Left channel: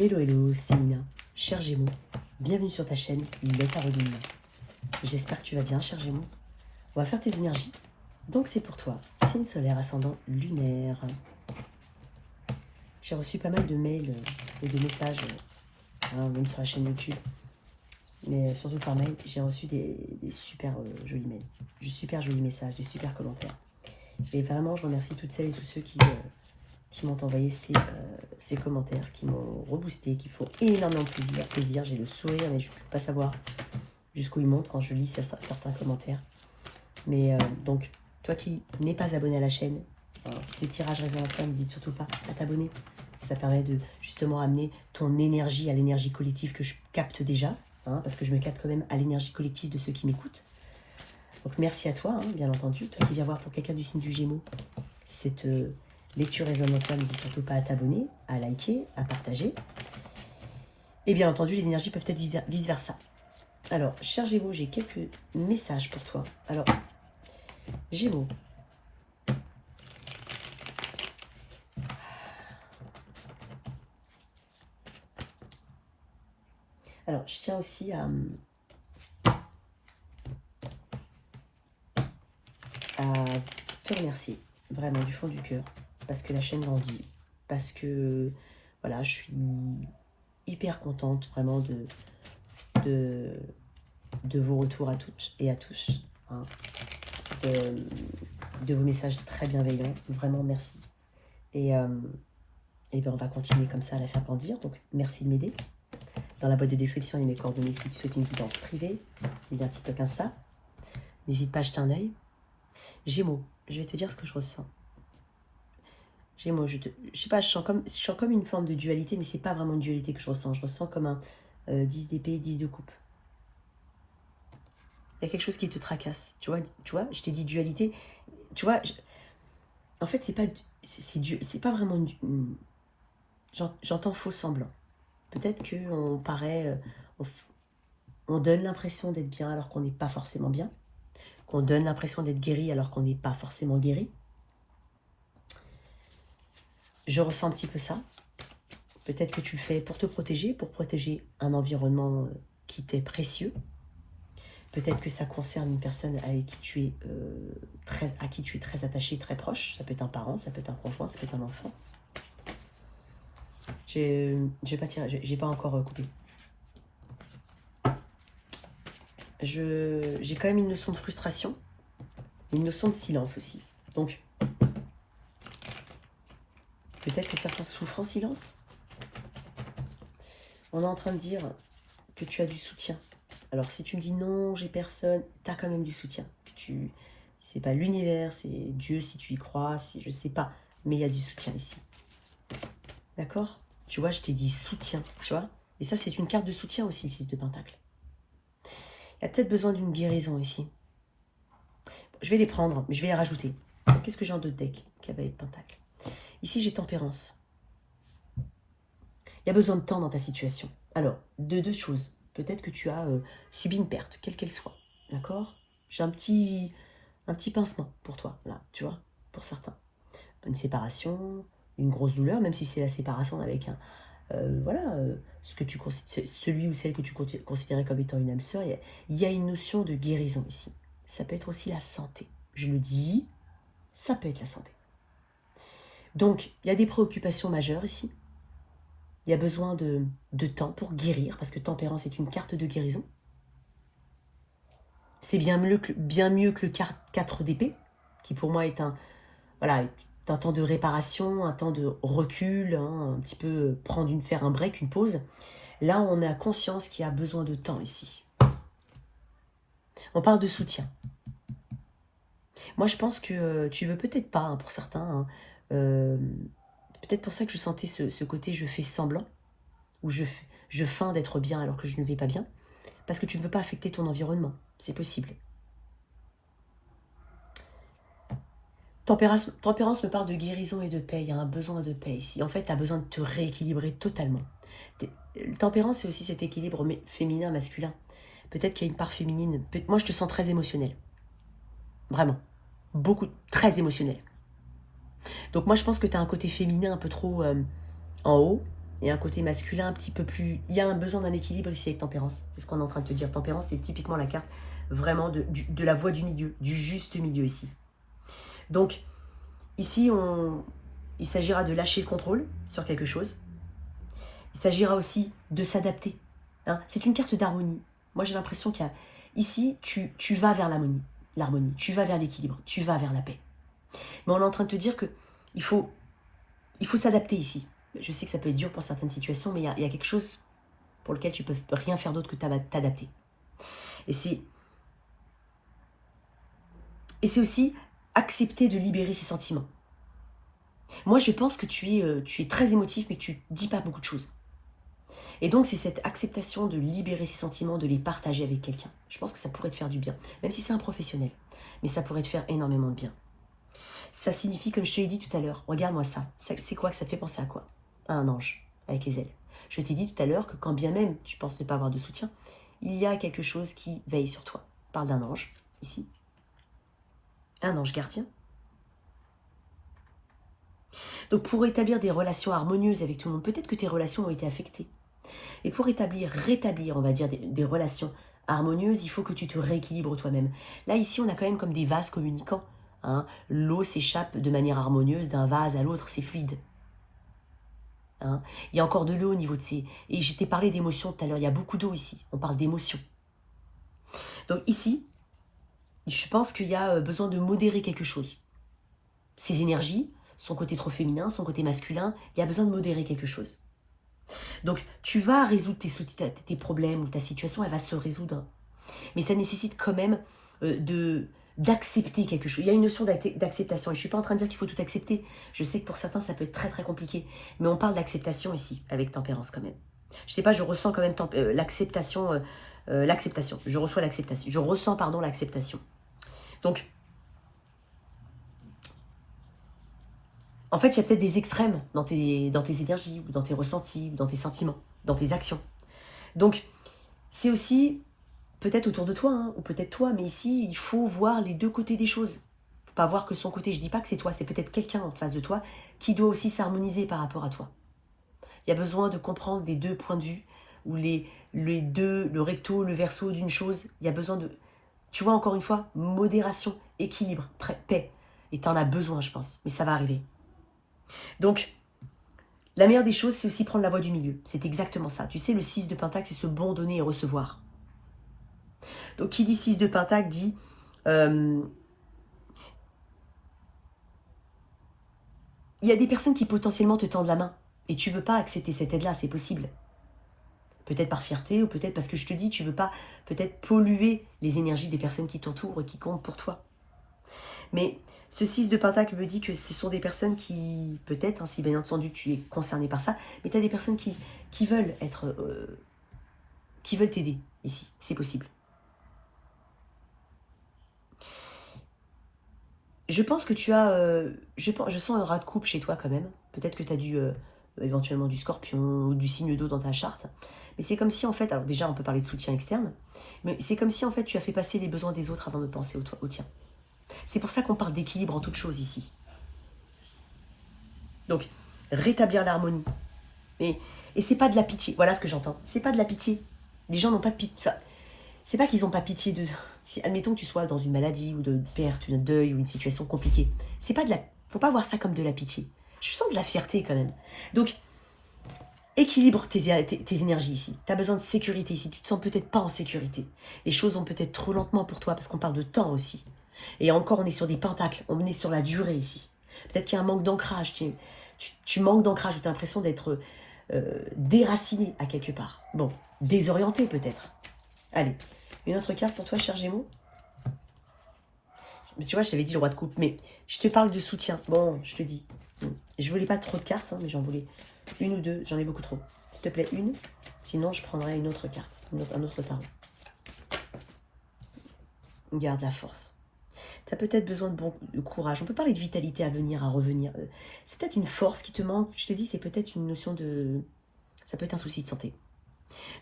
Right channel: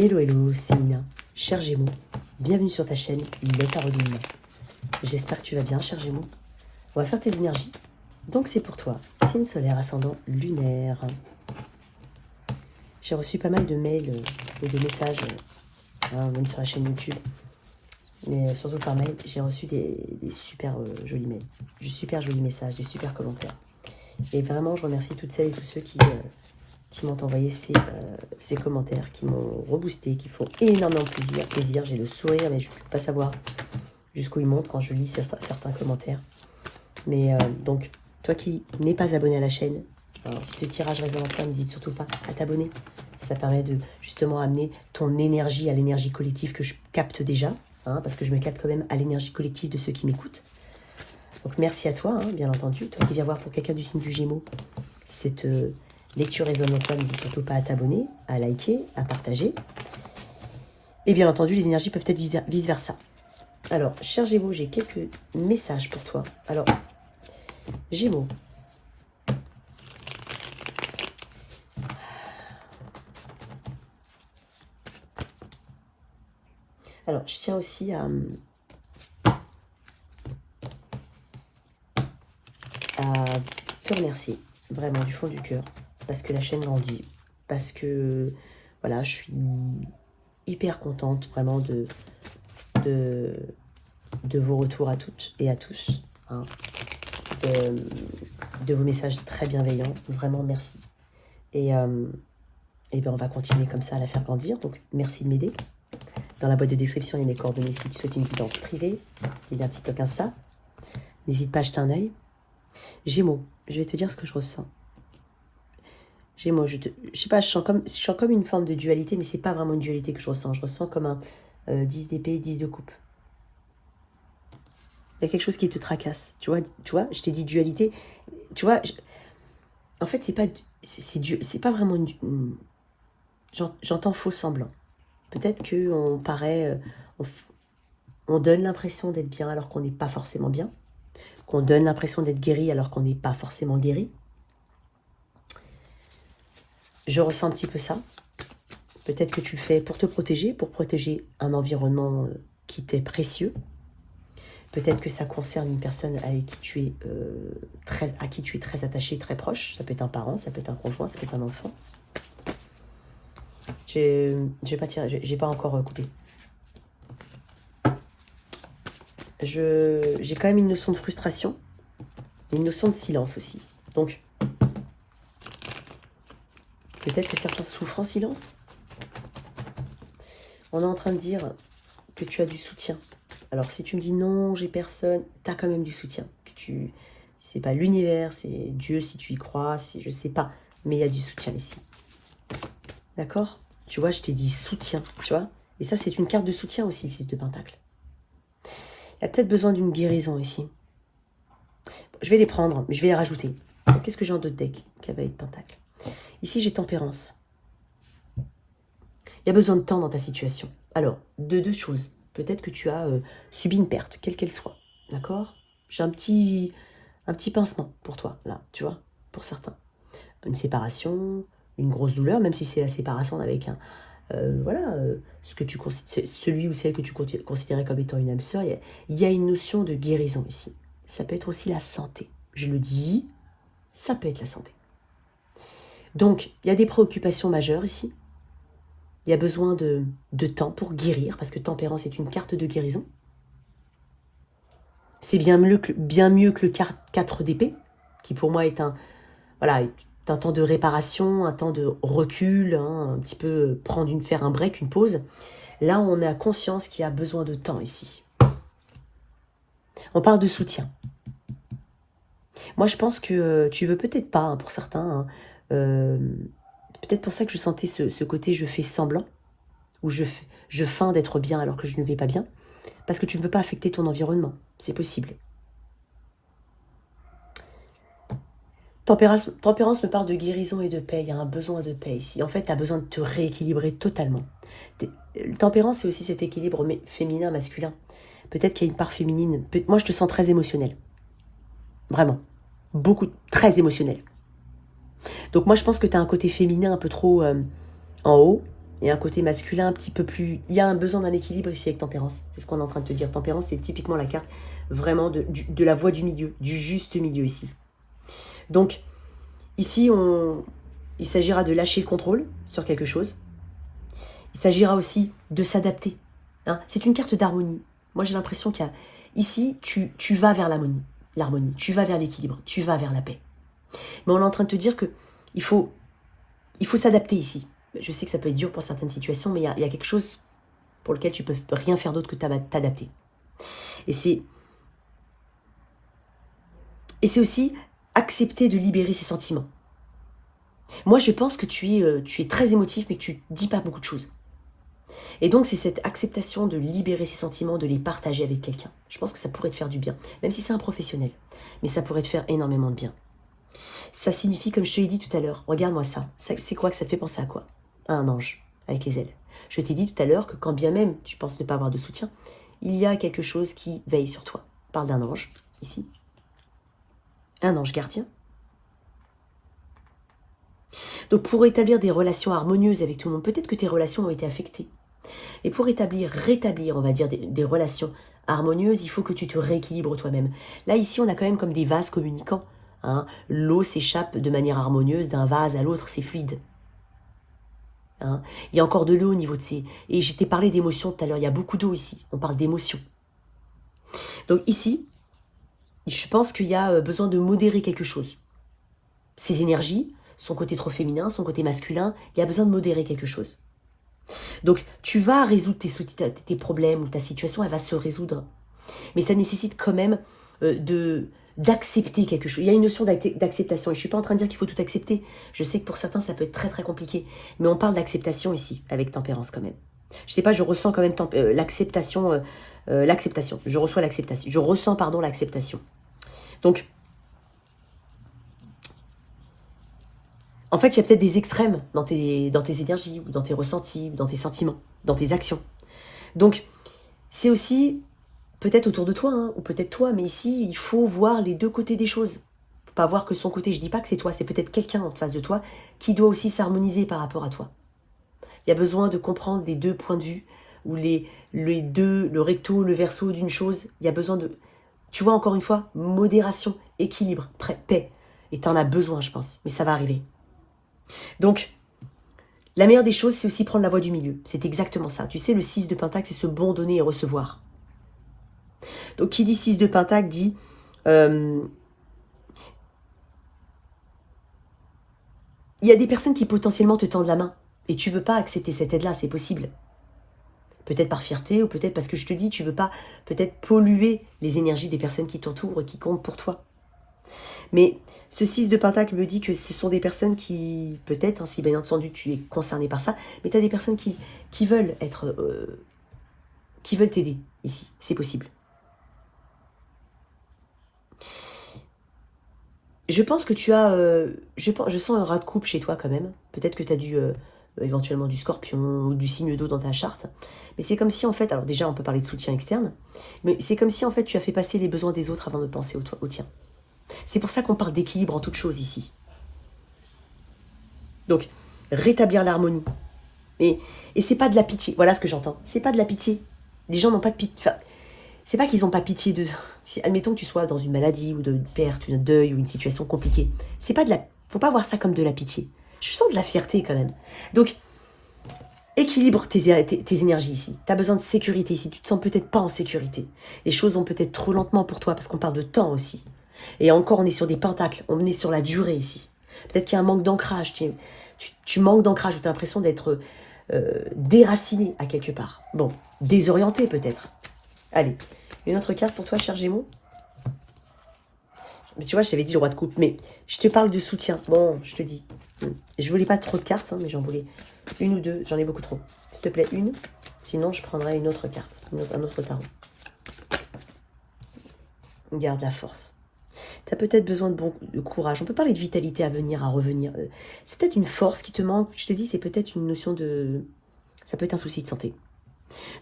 Hello, hello, c'est Nina, cher Gémeaux. Bienvenue sur ta chaîne, le Tarot de Nina. J'espère que tu vas bien, cher Gémeaux. On va faire tes énergies. Donc c'est pour toi, signe solaire, ascendant lunaire. J'ai reçu pas mal de mails et de messages, même sur la chaîne YouTube. Mais surtout par mail, j'ai reçu des super jolis mails, des super jolis messages, des super commentaires. Et vraiment, je remercie toutes celles et tous ceux qui m'ont envoyé ces commentaires, qui m'ont reboosté, qui font énormément plaisir. J'ai le sourire, mais je ne peux pas savoir jusqu'où il monte quand je lis certains commentaires. Mais donc, toi qui n'es pas abonné à la chaîne, si ce tirage résonne en toi, n'hésite surtout pas à t'abonner. Ça permet de justement amener ton énergie à l'énergie collective que je capte déjà, parce que je me capte quand même à l'énergie collective de ceux qui m'écoutent. Donc merci à toi, bien entendu, toi qui viens voir pour quelqu'un du signe du Gémeaux. Cette lecture résonne en toi, n'hésite surtout pas à t'abonner, à liker, à partager. Et bien entendu, les énergies peuvent être vice-versa. Alors, cher Gémeaux, j'ai quelques messages pour toi. Alors, Gémeaux. Alors, je tiens aussi à te remercier, vraiment, du fond du cœur, parce que la chaîne grandit, parce que, voilà, je suis hyper contente, vraiment, de vos retours à toutes et à tous, de vos messages très bienveillants, vraiment, merci. Et bien, on va continuer comme ça à la faire grandir, donc merci de m'aider. Dans la boîte de description, il y a mes coordonnées si tu souhaites une guidance privée, il y a un TikTok, Insta. N'hésite pas à jeter un œil. Gémeaux, je vais te dire ce que je ressens. Gémeaux, je sais pas, je sens comme une forme de dualité, mais c'est pas vraiment une dualité que je ressens. Je ressens comme un 10 d'épée, 10 de coupe. Il y a quelque chose qui te tracasse. Tu vois, je t'ai dit dualité. Tu vois, en fait, c'est pas vraiment une j'entends faux semblant. Peut-être qu'on paraît... on donne l'impression d'être bien alors qu'on n'est pas forcément bien. Qu'on donne l'impression d'être guéri alors qu'on n'est pas forcément guéri. Je ressens un petit peu ça. Peut-être que tu le fais pour te protéger, pour protéger un environnement qui t'est précieux. Peut-être que ça concerne une personne avec qui tu es à qui tu es très attaché, très proche. Ça peut être un parent, ça peut être un conjoint, ça peut être un enfant. Je vais pas tirer, j'ai pas encore coupé. J'ai quand même une notion de frustration, une notion de silence aussi. Donc, peut-être que certains souffrent en silence. On est en train de dire que tu as du soutien. Alors, si tu me dis non, j'ai personne, tu as quand même du soutien. C'est pas l'univers, c'est Dieu si tu y crois, je sais pas, mais il y a du soutien ici. D'accord? Tu vois, je t'ai dit soutien, tu vois? Et ça, c'est une carte de soutien aussi, le 6 de Pentacle. Il y a peut-être besoin d'une guérison ici. Je vais les prendre, mais je vais les rajouter. Qu'est-ce que j'ai en d'autres decks? Cavalier de Pentacle. Ici, j'ai Tempérance. Il y a besoin de temps dans ta situation. Alors, deux choses. Peut-être que tu as subi une perte, quelle qu'elle soit. D'accord? J'ai un petit pincement pour toi, là, tu vois, pour certains. Une séparation, une grosse douleur, même si c'est la séparation avec un... celui ou celle que tu considérais comme étant une âme sœur, il y a une notion de guérison ici. Ça peut être aussi la santé. Je le dis, ça peut être la santé. Donc, il y a des préoccupations majeures ici. Il y a besoin de temps pour guérir, parce que Tempérance est une carte de guérison. C'est bien mieux que le 4 d'épée, qui pour moi est un temps de réparation, un temps de recul, un petit peu faire un break, une pause. Là, on a conscience qu'il y a besoin de temps ici. On parle de soutien. Moi, je pense que tu veux peut-être pas, pour certains, peut-être pour ça que je sentais ce côté je fais semblant, ou je feins d'être bien alors que je ne vais pas bien, parce que tu ne veux pas affecter ton environnement. C'est possible. Tempérance me parle de guérison et de paix. Il y a un besoin de paix ici. En fait, tu as besoin de te rééquilibrer totalement. Tempérance, c'est aussi cet équilibre féminin-masculin. Peut-être qu'il y a une part féminine. Moi, je te sens très émotionnelle. Vraiment. Très émotionnelle. Donc moi, je pense que tu as un côté féminin un peu trop en haut et un côté masculin un petit peu plus... Il y a un besoin d'un équilibre ici avec Tempérance. C'est ce qu'on est en train de te dire. Tempérance, c'est typiquement la carte vraiment de la voie du milieu, du juste milieu ici. Donc, ici, il s'agira de lâcher le contrôle sur quelque chose. Il s'agira aussi de s'adapter. Hein. C'est une carte d'harmonie. Moi, j'ai l'impression qu'il y a... Ici, tu vas vers l'harmonie, tu vas vers l'équilibre, tu vas vers la paix. Mais on est en train de te dire que il faut s'adapter ici. Je sais que ça peut être dur pour certaines situations, mais il y a quelque chose pour lequel tu peux rien faire d'autre que t'adapter. Et c'est aussi accepter de libérer ses sentiments. Moi, je pense que tu es très émotif, mais que tu dis pas beaucoup de choses. Et donc, c'est cette acceptation de libérer ses sentiments, de les partager avec quelqu'un. Je pense que ça pourrait te faire du bien, même si c'est un professionnel. Mais ça pourrait te faire énormément de bien. Ça signifie, comme je te l'ai dit tout à l'heure, regarde-moi ça. C'est quoi que ça te fait penser à quoi? À un ange, avec les ailes. Je t'ai dit tout à l'heure que quand bien même tu penses ne pas avoir de soutien, il y a quelque chose qui veille sur toi. On parle d'un ange, ici. Un ange gardien. Donc pour établir des relations harmonieuses avec tout le monde, peut-être que tes relations ont été affectées. Et pour rétablir, on va dire, des relations harmonieuses, il faut que tu te rééquilibres toi-même. Là, ici, on a quand même comme des vases communicants. Hein. L'eau s'échappe de manière harmonieuse d'un vase à l'autre, c'est fluide. Hein. Il y a encore de l'eau au niveau de ces... Et je t'ai parlé d'émotions tout à l'heure, il y a beaucoup d'eau ici, on parle d'émotions. Donc ici, je pense qu'il y a besoin de modérer quelque chose. Ces énergies, son côté trop féminin, son côté masculin, il y a besoin de modérer quelque chose. Donc, tu vas résoudre tes problèmes ou ta situation, elle va se résoudre. Mais ça nécessite quand même d'accepter quelque chose. Il y a une notion d'acceptation. Et je ne suis pas en train de dire qu'il faut tout accepter. Je sais que pour certains, ça peut être très très compliqué. Mais on parle d'acceptation ici, avec Tempérance quand même. Je ne sais pas, je ressens quand même l'acceptation. L'acceptation. Je reçois l'acceptation. Je ressens, pardon, l'acceptation. Donc, en fait, il y a peut-être des extrêmes dans tes énergies, ou dans tes ressentis, ou dans tes sentiments, dans tes actions. Donc, c'est aussi peut-être autour de toi, hein, ou peut-être toi, mais ici, il faut voir les deux côtés des choses. Il ne faut pas voir que son côté. Je ne dis pas que c'est toi, c'est peut-être quelqu'un en face de toi qui doit aussi s'harmoniser par rapport à toi. Il y a besoin de comprendre les deux points de vue, ou les deux, le recto, le verso d'une chose. Il y a besoin de, tu vois, encore une fois, modération, équilibre, paix. Et tu en as besoin, je pense, mais ça va arriver. Donc, la meilleure des choses, c'est aussi prendre la voie du milieu. C'est exactement ça. Tu sais, le 6 de Pentacle, c'est ce bon donner et recevoir. Donc, qui dit 6 de Pentacle dit... il y a des personnes qui potentiellement te tendent la main. Et tu ne veux pas accepter cette aide-là, c'est possible. Peut-être par fierté, ou peut-être parce que je te dis, tu ne veux pas peut-être polluer les énergies des personnes qui t'entourent et qui comptent pour toi. Mais ce 6 de Pentacle me dit que ce sont des personnes qui, peut-être, hein, si bien entendu tu es concerné par ça, mais tu as des personnes qui veulent être... qui veulent t'aider ici, c'est possible. Je pense que tu as... je sens un rat de coupe chez toi quand même. Peut-être que tu as éventuellement du scorpion ou du signe d'eau dans ta charte. Mais c'est comme si en fait... Alors déjà, on peut parler de soutien externe. Mais c'est comme si en fait tu as fait passer les besoins des autres avant de penser au tien. C'est pour ça qu'on parle d'équilibre en toute chose ici. Donc, rétablir l'harmonie. Et c'est pas de la pitié. Voilà ce que j'entends. C'est pas de la pitié. Les gens n'ont pas de pitié. Enfin, c'est pas qu'ils n'ont pas pitié de... Si, admettons que tu sois dans une maladie ou de perte, un deuil ou une situation compliquée. C'est pas de la... Faut pas voir ça comme de la pitié. Je sens de la fierté quand même. Donc, équilibre tes énergies ici. Tu as besoin de sécurité ici. Tu te sens peut-être pas en sécurité. Les choses vont peut-être trop lentement pour toi parce qu'on parle de temps aussi. Et encore, on est sur des pentacles. On est sur la durée ici. Peut-être qu'il y a un manque d'ancrage. Tu manques d'ancrage. Tu as l'impression d'être déraciné à quelque part. Bon, désorienté peut-être. Allez, une autre carte pour toi, cher Gémeaux. Mais tu vois, je t'avais dit le roi de coupe, mais je te parle de soutien. Bon, je te dis. Je voulais pas trop de cartes, hein, mais j'en voulais une ou deux. J'en ai beaucoup trop. S'il te plaît, une. Sinon, je prendrai une autre carte, un autre tarot. Garde la force. Tu as peut-être besoin de courage. On peut parler de vitalité à venir, à revenir. C'est peut-être une force qui te manque. Je te dis, c'est peut-être une notion de... Ça peut être un souci de santé.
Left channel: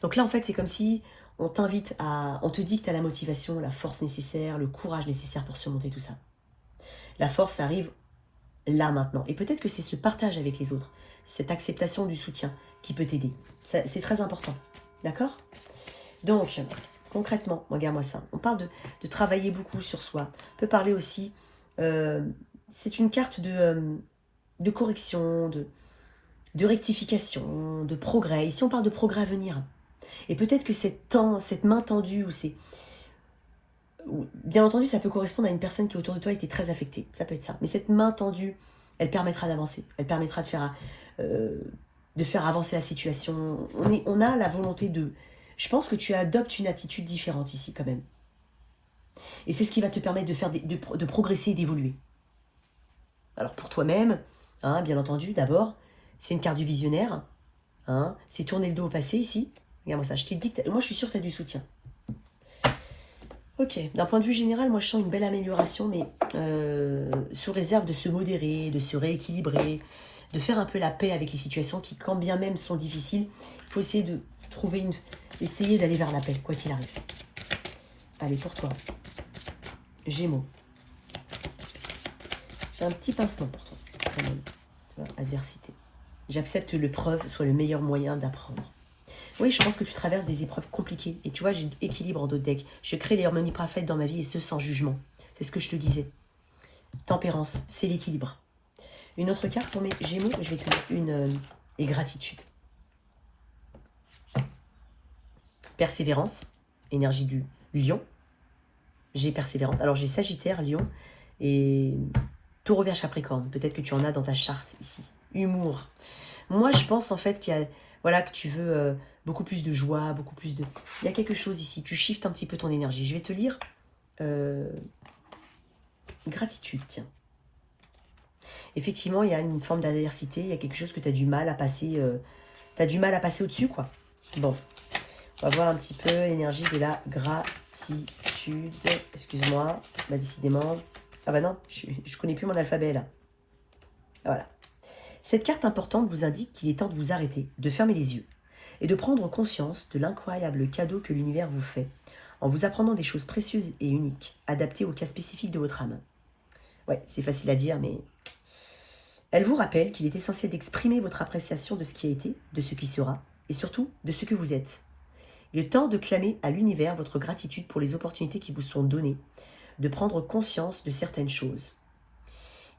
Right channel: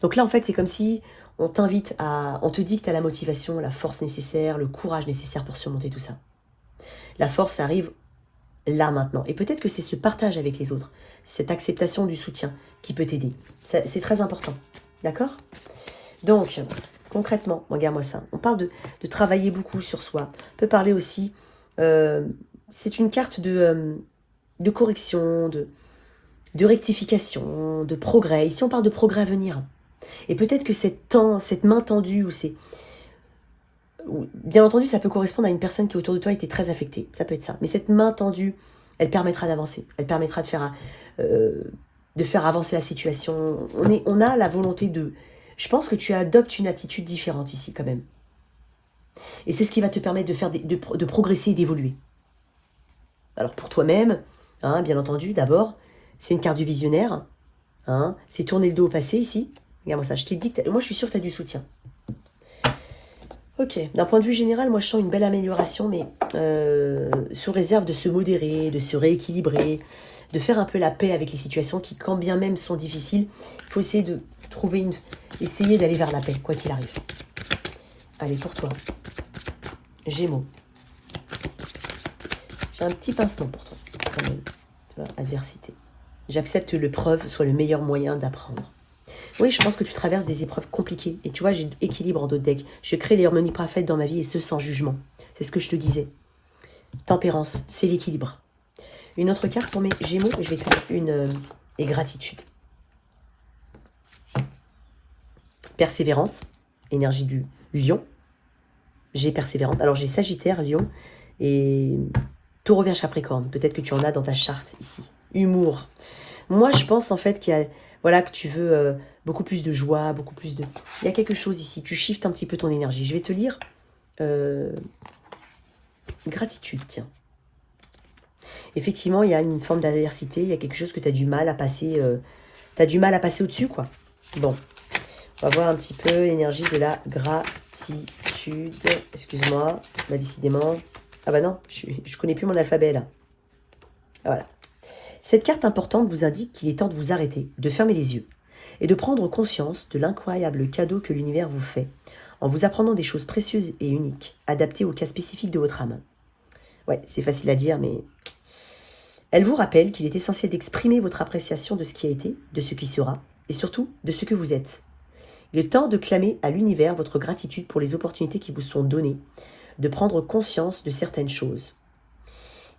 Donc là, en fait, c'est comme si on t'invite à... On te dit que tu as la motivation, la force nécessaire, le courage nécessaire pour surmonter tout ça. La force arrive là, maintenant. Et peut-être que c'est ce partage avec les autres, cette acceptation du soutien qui peut t'aider. C'est très important. D'accord? Donc, concrètement, regarde-moi ça. On parle de travailler beaucoup sur soi. On peut parler aussi... c'est une carte de correction, de rectification, de progrès. Ici, on parle de progrès à venir. Et peut-être que cette main tendue, bien entendu, ça peut correspondre à une personne qui autour de toi était très affectée. Ça peut être ça. Mais cette main tendue, elle permettra d'avancer. Elle permettra de faire avancer la situation. On a la volonté de... Je pense que tu adoptes une attitude différente ici, quand même. Et c'est ce qui va te permettre de progresser et d'évoluer. Alors, pour toi-même, hein, bien entendu, d'abord, c'est une carte du visionnaire. Hein, c'est tourner le dos au passé, ici. Regarde-moi ça, je t'ai dit que... Moi, je suis sûre que tu as du soutien. Ok, d'un point de vue général, moi, je sens une belle amélioration, mais sous réserve de se modérer, de se rééquilibrer, de faire un peu la paix avec les situations qui, quand bien même sont difficiles, il faut essayer de trouver essayer d'aller vers la paix, quoi qu'il arrive. Allez, pour toi. Gémeaux. J'ai un petit pincement pour toi, quand même. Tu vois, adversité. J'accepte que l'épreuve soit le meilleur moyen d'apprendre. Oui, je pense que tu traverses des épreuves compliquées. Et tu vois, j'ai équilibre en d'autres decks. Je crée les harmonies parfaites dans ma vie et ce sans jugement. C'est ce que je te disais. Tempérance, c'est l'équilibre. Une autre carte pour mes Gémeaux, je vais faire une et gratitude. Persévérance, énergie du lion. J'ai persévérance. Alors j'ai Sagittaire, Lion et Taureau, Vierge, Capricorne. Peut-être que tu en as dans ta charte ici. Humour. Moi, je pense en fait qu'il y a, voilà, que tu veux beaucoup plus de joie, beaucoup plus de... Il y a quelque chose ici. Tu shiftes un petit peu ton énergie. Je vais te lire gratitude, tiens. Effectivement, il y a une forme d'adversité. Il y a quelque chose que tu as du mal à passer. Tu as du mal à passer au-dessus, quoi. Bon. On va voir un petit peu l'énergie de la gratitude. Excuse-moi, là, décidément. Ah bah non, je connais plus mon alphabet, là. Ah, voilà. Cette carte importante vous indique qu'il est temps de vous arrêter, de fermer les yeux et de prendre conscience de l'incroyable cadeau que l'univers vous fait en vous apprenant des choses précieuses et uniques, adaptées au cas spécifique de votre âme. Ouais, c'est facile à dire, mais... Elle vous rappelle qu'il est essentiel d'exprimer votre appréciation de ce qui a été, de ce qui sera, et surtout de ce que vous êtes. Il est temps de clamer à l'univers votre gratitude pour les opportunités qui vous sont données, de prendre conscience de certaines choses.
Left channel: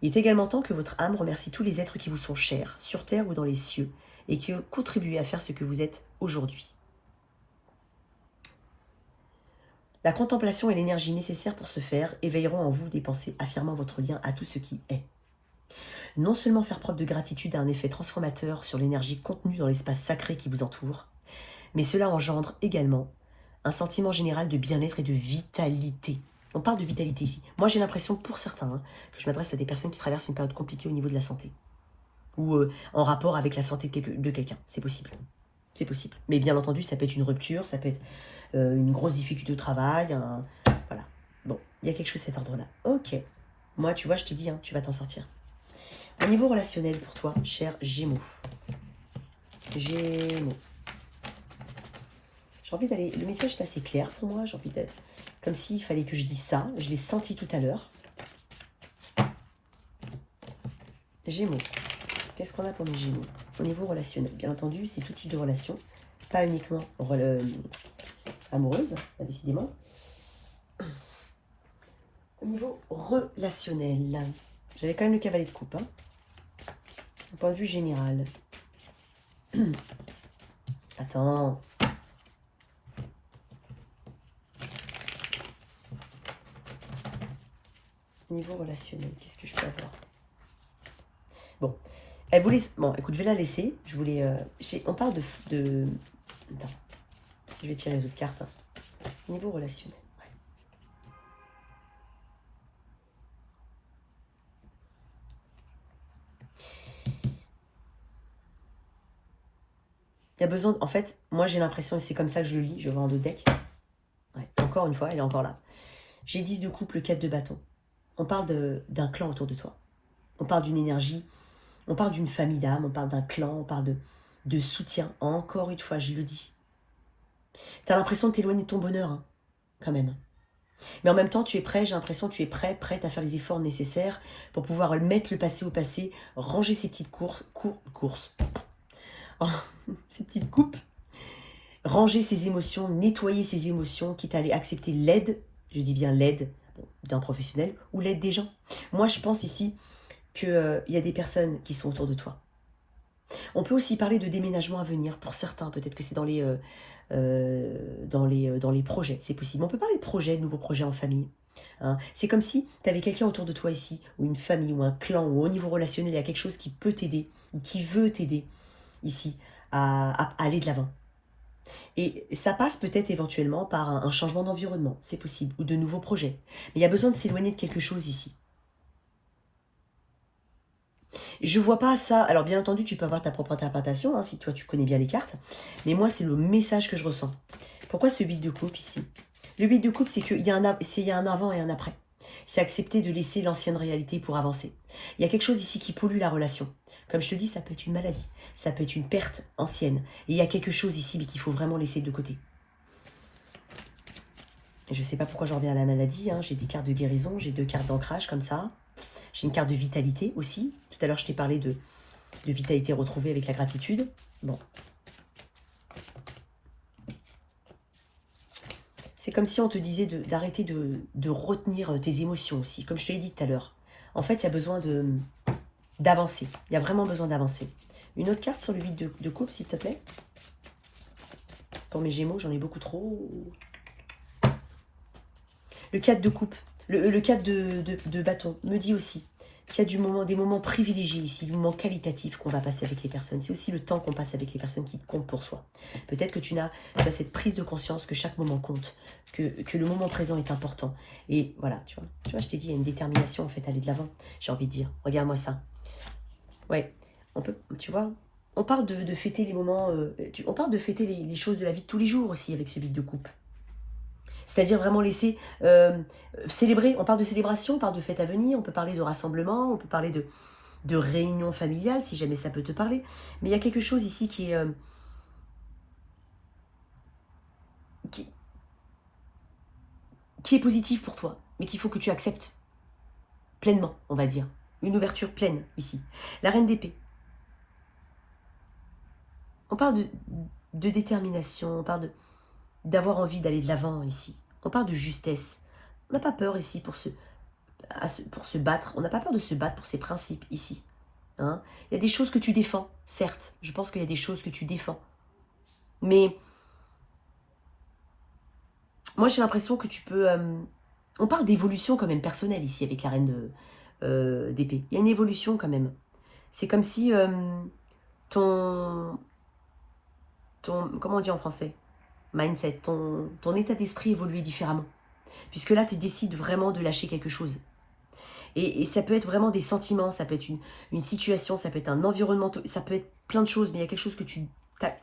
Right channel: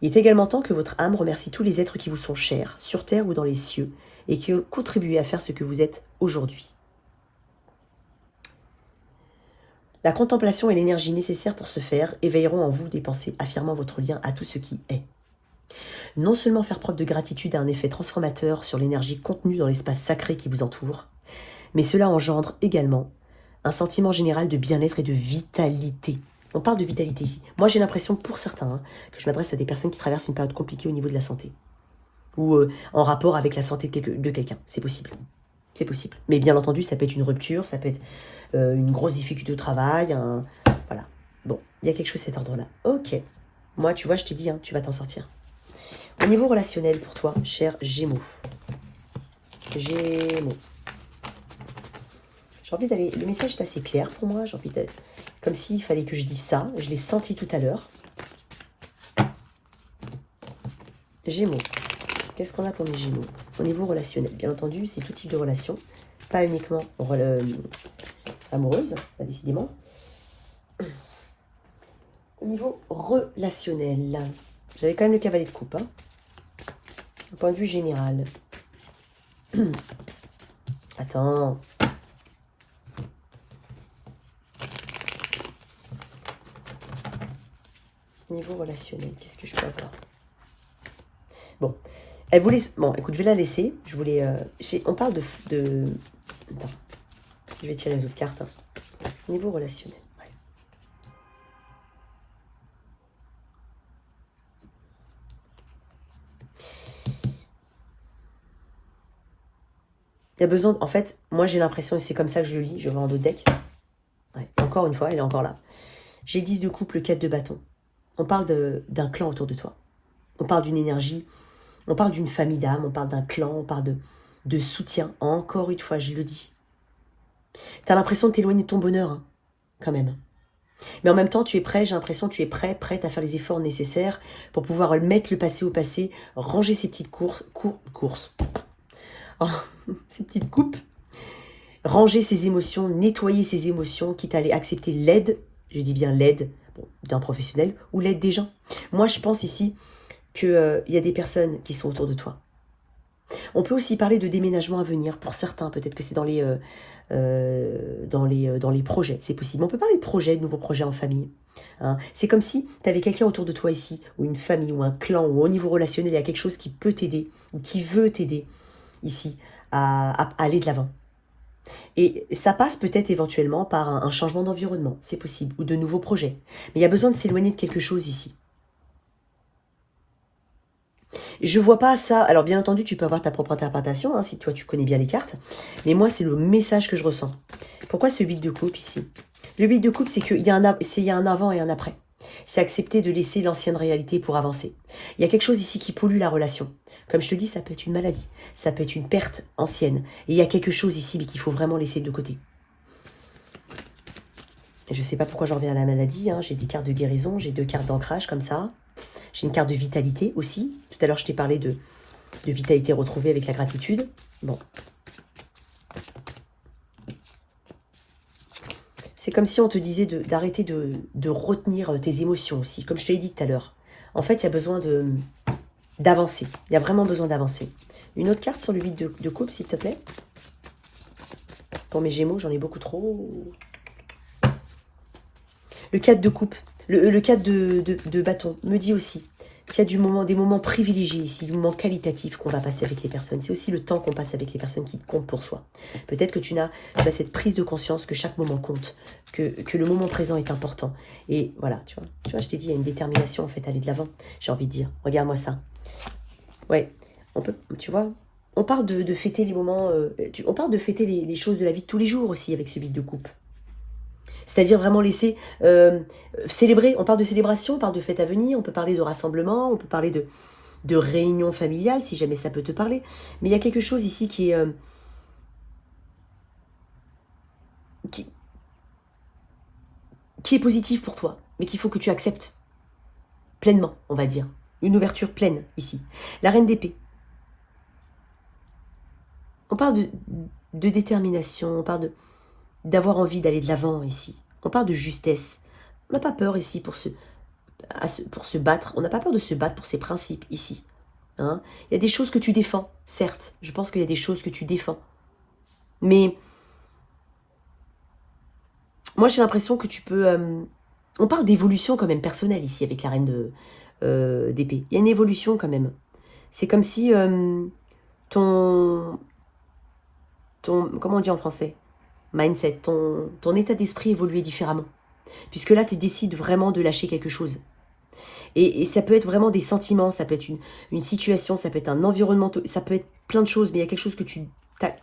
Il est également temps que votre âme remercie tous les êtres qui vous sont chers, sur terre ou dans les cieux, et qui ont contribué à faire ce que vous êtes aujourd'hui. La contemplation et l'énergie nécessaires pour ce faire éveilleront en vous des pensées affirmant votre lien à tout ce qui est. Non seulement faire preuve de gratitude a un effet transformateur sur l'énergie contenue dans l'espace sacré qui vous entoure, mais cela engendre également un sentiment général de bien-être et de vitalité. On parle de vitalité ici. Moi, j'ai l'impression, pour certains, que je m'adresse à des personnes qui traversent une période compliquée au niveau de la santé. Ou en rapport avec la santé de quelqu'un. C'est possible. C'est possible. Mais bien entendu, ça peut être une rupture, ça peut être une grosse difficulté au travail. Voilà. Bon, il y a quelque chose de cet ordre-là. Ok. Moi, tu vois, je t'ai dit, hein, tu vas t'en sortir. Au niveau relationnel, pour toi, cher Gémeaux. Gémeaux. J'ai envie d'aller... Le message est assez clair pour moi. J'ai envie d'être... Comme s'il fallait que je dise ça. Je l'ai senti tout à l'heure. Gémeaux. Qu'est-ce qu'on a pour les Gémeaux? Au niveau relationnel, bien entendu, c'est tout type de relation. Pas uniquement amoureuse, bah, décidément. Au niveau relationnel, j'avais quand même le cavalier de coupe. Hein. Au point de vue général. Attends... Niveau relationnel, qu'est-ce que je peux avoir? Bon, elle voulait... Bon, écoute, je vais la laisser. Je voulais... on parle de... Attends, je vais tirer les autres cartes. Hein. Niveau relationnel, ouais. Il y a besoin... En fait, moi j'ai l'impression, et c'est comme ça que je le lis, je vais voir en d'autres decks. Ouais, encore une fois, elle est encore là. J'ai 10 de couple, 4 de bâton. On parle d'un clan autour de toi. On parle d'une énergie, on parle d'une famille d'âme, on parle d'un clan, on parle de soutien. Encore une fois, je le dis. Tu as l'impression de t'éloigner de ton bonheur, hein, quand même. Mais en même temps, tu es prêt, j'ai l'impression que tu es prête à faire les efforts nécessaires pour pouvoir mettre le passé au passé, ranger ces petites courses, ces petites coupes. Ranger ses émotions, nettoyer ses émotions, quitte à aller accepter l'aide, je dis bien l'aide d'un professionnel ou l'aide des gens. Moi, je pense ici qu'il y a des personnes qui sont autour de toi. On peut aussi parler de déménagement à venir. Pour certains, peut-être que c'est dans les projets, c'est possible. On peut parler de projets, de nouveaux projets en famille. Hein. C'est comme si tu avais quelqu'un autour de toi ici, ou une famille, ou un clan, ou au niveau relationnel, il y a quelque chose qui peut t'aider, ou qui veut t'aider ici à aller de l'avant. Et ça passe peut-être éventuellement par un changement d'environnement, c'est possible, ou de nouveaux projets. Mais il y a besoin de s'éloigner de quelque chose ici. Je vois pas ça. Alors bien entendu, tu peux avoir ta propre interprétation, hein, si toi tu connais bien les cartes. Mais moi, c'est le message que je ressens. Pourquoi ce 8 de coupe ici? Le 8 de coupe, c'est qu'il y a un avant et un après. C'est accepter de laisser l'ancienne réalité pour avancer. Il y a quelque chose ici qui pollue la relation. Comme je te dis, ça peut être une maladie, ça peut être une perte ancienne. Et il y a quelque chose ici, mais qu'il faut vraiment laisser de côté. Et je ne sais pas pourquoi j'en reviens à la maladie. Hein. J'ai des cartes de guérison, j'ai 2 cartes d'ancrage comme ça. J'ai une carte de vitalité aussi. Tout à l'heure, je t'ai parlé de vitalité retrouvée avec la gratitude. Bon. C'est comme si on te disait d'arrêter de retenir tes émotions aussi, comme je te l'ai dit tout à l'heure. En fait, il y a besoin d'avancer. Il y a vraiment besoin d'avancer. Une autre carte sur le 8 de coupe, s'il te plaît. Pour mes gémeaux, j'en ai beaucoup trop. Le 4 de coupe, le 4 de bâton me dit aussi qu'il y a des moments privilégiés ici, des moments qualitatifs qu'on va passer avec les personnes. C'est aussi le temps qu'on passe avec les personnes qui comptent pour soi. Peut-être que tu as cette prise de conscience que chaque moment compte, que le moment présent est important. Et voilà, tu vois, je t'ai dit, il y a une détermination en fait à aller de l'avant. J'ai envie de dire, regarde-moi ça. Ouais, on peut, tu vois, on parle de fêter les moments, on parle de fêter les choses de la vie de tous les jours aussi avec ce 8 de coupe. C'est-à-dire vraiment laisser célébrer. On parle de célébration, on parle de fête à venir, on peut parler de rassemblement, on peut parler de réunion familiale, si jamais ça peut te parler. Mais il y a quelque chose ici qui est... qui est positif pour toi, mais qu'il faut que tu acceptes pleinement, on va dire. Une ouverture pleine ici. La reine d'épée. On parle de détermination, on parle d'avoir envie d'aller de l'avant ici. On parle de justesse. On n'a pas peur ici pour se battre. On n'a pas peur de se battre pour ses principes ici. Hein? Il y a des choses que tu défends, certes. Je pense qu'il y a des choses que tu défends. Mais moi, j'ai l'impression que tu peux... on parle d'évolution quand même personnelle ici avec la reine d'épée. Il y a une évolution quand même. C'est comme si ton... Comment on dit en français? Mindset, ton état d'esprit évoluait différemment. Puisque là, tu décides vraiment de lâcher quelque chose. Et ça peut être vraiment des sentiments, ça peut être une situation, ça peut être un environnement, ça peut être plein de choses, mais il y a quelque chose que tu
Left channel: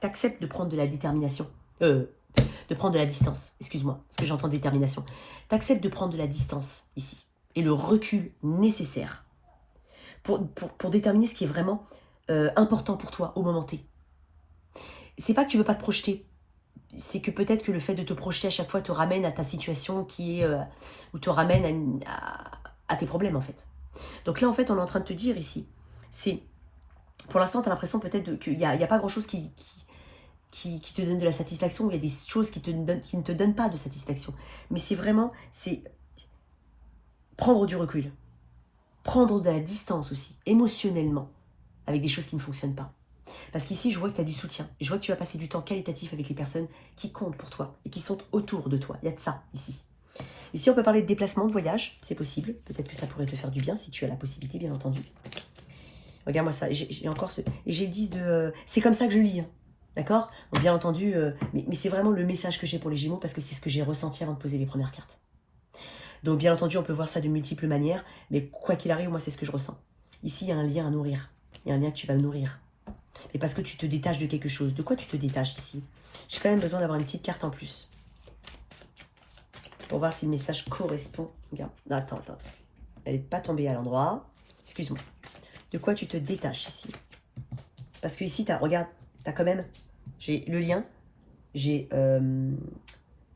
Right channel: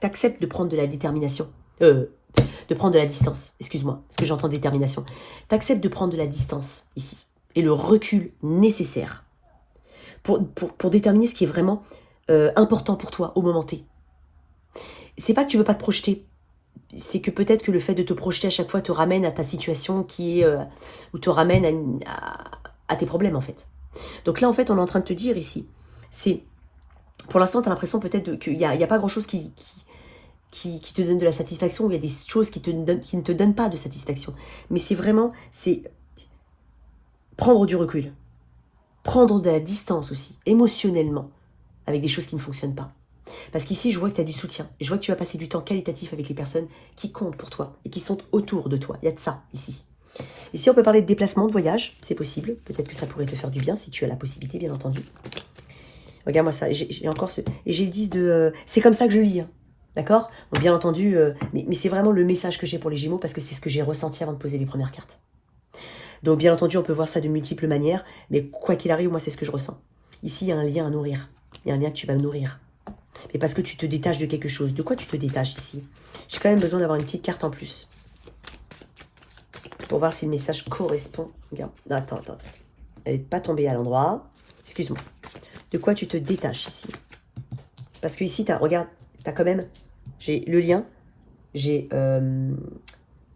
acceptes de prendre de la détermination. De prendre de la distance, excuse-moi, parce que j'entends détermination. Tu acceptes de prendre de la distance ici. Et le recul nécessaire pour déterminer ce qui est vraiment important pour toi au moment T. C'est pas que tu veux pas te projeter. C'est que peut-être que le fait de te projeter à chaque fois te ramène à ta situation qui est... ou te ramène à tes problèmes en fait. Donc là en fait on est en train de te dire ici, c'est... Pour l'instant tu as l'impression peut-être qu'il n'y a pas grand chose qui te donne de la satisfaction, ou il y a des choses qui ne te donnent pas de satisfaction. Mais c'est vraiment... c'est prendre du recul. Prendre de la distance aussi, émotionnellement, avec des choses qui ne fonctionnent pas. Parce qu'ici, je vois que tu as du soutien. Et je vois que tu vas passer du temps qualitatif avec les personnes qui comptent pour toi et qui sont autour de toi. Il y a de ça, ici. Ici, on peut parler de déplacement, de voyage. C'est possible. Peut-être que ça pourrait te faire du bien si tu as la possibilité, bien entendu. Regarde-moi ça. J'ai encore ce... Et j'ai le 10 de... c'est comme ça que je lis. Hein. D'accord? Donc, bien entendu, mais c'est vraiment le message que j'ai pour les Gémeaux parce que c'est ce que j'ai ressenti avant de poser les premières cartes. Donc, bien entendu, on peut voir ça de multiples manières. Mais quoi qu'il arrive, moi, c'est ce que je ressens. Ici, il y a un lien à nourrir. Il y a un lien que tu vas nourrir. Mais parce que tu te détaches de quelque chose. De quoi tu te détaches ici? J'ai quand même besoin d'avoir une petite carte en plus. Pour voir si le message correspond. Regarde. Non, attends. Elle n'est pas tombée à l'endroit. Excuse-moi. De quoi tu te détaches ici? Parce que ici, regarde, tu as quand même... J'ai le lien. J'ai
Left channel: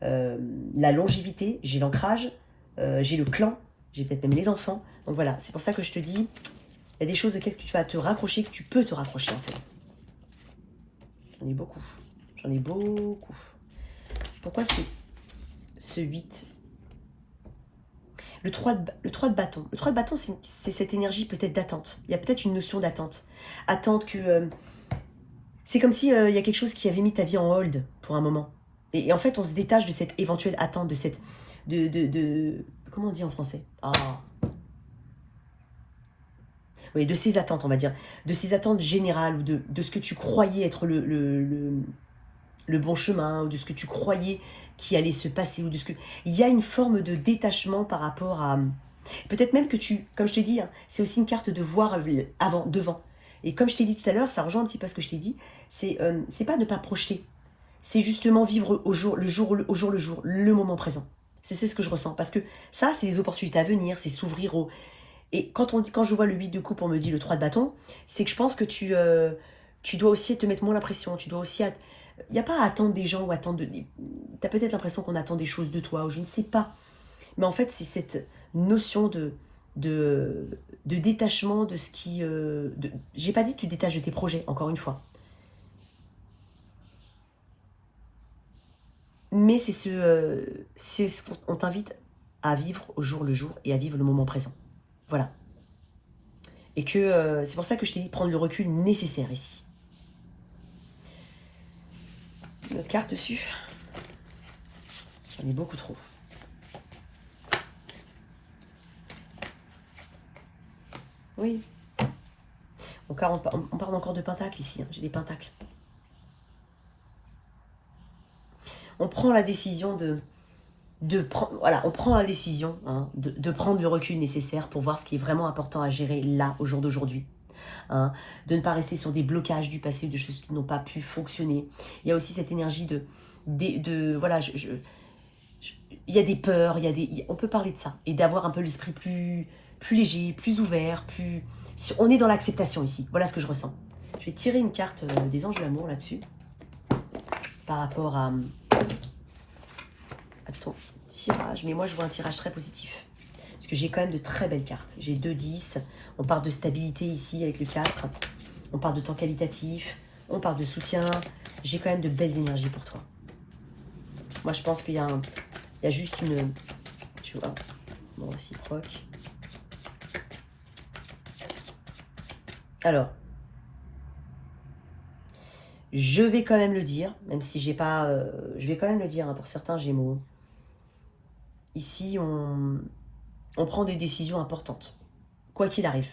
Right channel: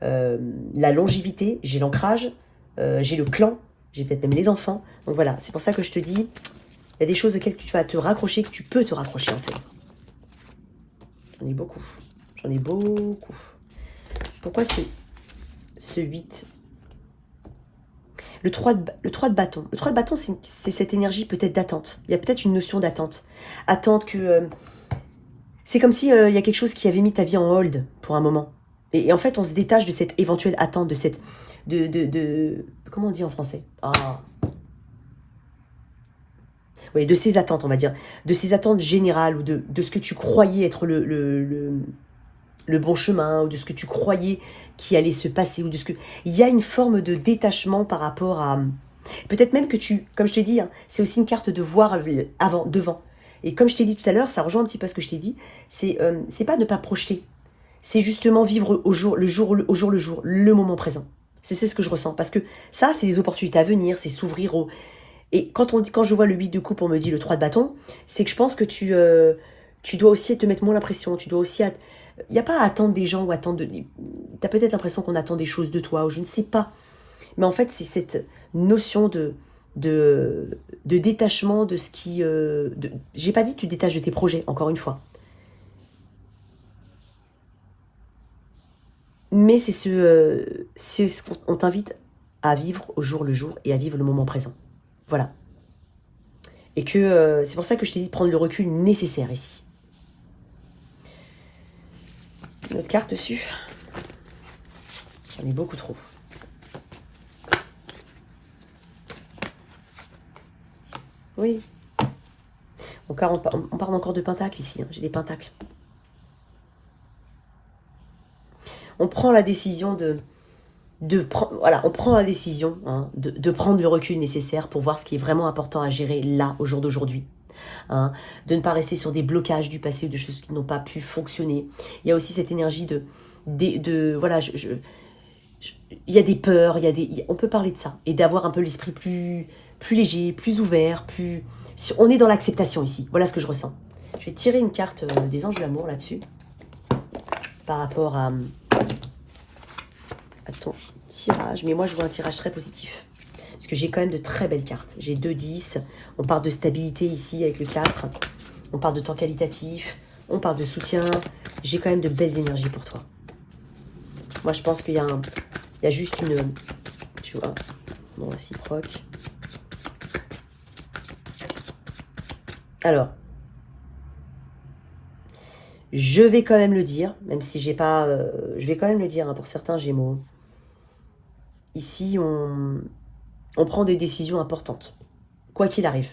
la longévité. J'ai l'ancrage. J'ai le clan. J'ai peut-être même les enfants. Donc voilà, c'est pour ça que je te dis... Il y a des choses auxquelles tu vas te raccrocher, que tu peux te raccrocher en fait. J'en ai beaucoup. J'en ai beaucoup. Pourquoi ce 8? Le 3 de bâton. Le 3 de bâton, c'est cette énergie peut-être d'attente. Il y a peut-être une notion d'attente. Attente que... c'est comme si il y a quelque chose qui avait mis ta vie en hold pour un moment. Et en fait, on se détache de cette éventuelle attente, de cette... comment on dit en français? Oui, de ces attentes, on va dire. De ces attentes générales ou de ce que tu croyais être le bon chemin, ou de ce que tu croyais qui allait se passer, ou de ce que... Il y a une forme de détachement par rapport à... Peut-être même que tu... Comme je t'ai dit, hein, c'est aussi une carte de voir avant, devant. Et comme je t'ai dit tout à l'heure, ça rejoint un petit peu ce que je t'ai dit, c'est pas ne pas projeter. C'est justement vivre au jour le jour, le moment présent. C'est ce que je ressens. Parce que ça, c'est les opportunités à venir, c'est s'ouvrir au... Et quand je vois le 8 de coupe, on me dit le 3 de bâton, c'est que je pense que tu dois aussi te mettre moins la pression, tu dois aussi... Il n'y a pas à attendre des gens ou attendre... Tu as peut-être l'impression qu'on attend des choses de toi, ou je ne sais pas. Mais en fait, c'est cette notion de détachement de ce qui... J'ai pas dit que tu détaches de tes projets, encore une fois. Mais c'est ce qu'on t'invite à vivre au jour le jour et à vivre le moment présent. Voilà. Et que c'est pour ça que je t'ai dit de prendre le recul nécessaire ici. Une autre carte dessus. J'en ai beaucoup trop. Oui. On parle encore de pentacles ici. Hein. J'ai des pentacles. On prend la décision on prend la décision de prendre le recul nécessaire pour voir ce qui est vraiment important à gérer là, au jour d'aujourd'hui. Hein, de ne pas rester sur des blocages du passé, de choses qui n'ont pas pu fonctionner. Il y a aussi cette énergie voilà, il y a des peurs, on peut parler de ça, et d'avoir un peu l'esprit plus léger, plus ouvert, on est dans l'acceptation ici, voilà ce que je ressens. Je vais tirer une carte des anges de l'amour là-dessus, par rapport à ton tirage, mais moi je vois un tirage très positif. Parce que j'ai quand même de très belles cartes. J'ai 2 10, on parle de stabilité ici avec le 4, on parle de temps qualitatif, on parle de soutien. J'ai quand même de belles énergies pour toi. Moi je pense qu'il y a juste une... Tu vois, bon, réciproque. Alors, je vais quand même le dire, même si j'ai pas... je vais quand même le dire hein, pour certains Gémeaux. Ici, on prend des décisions importantes, quoi qu'il arrive.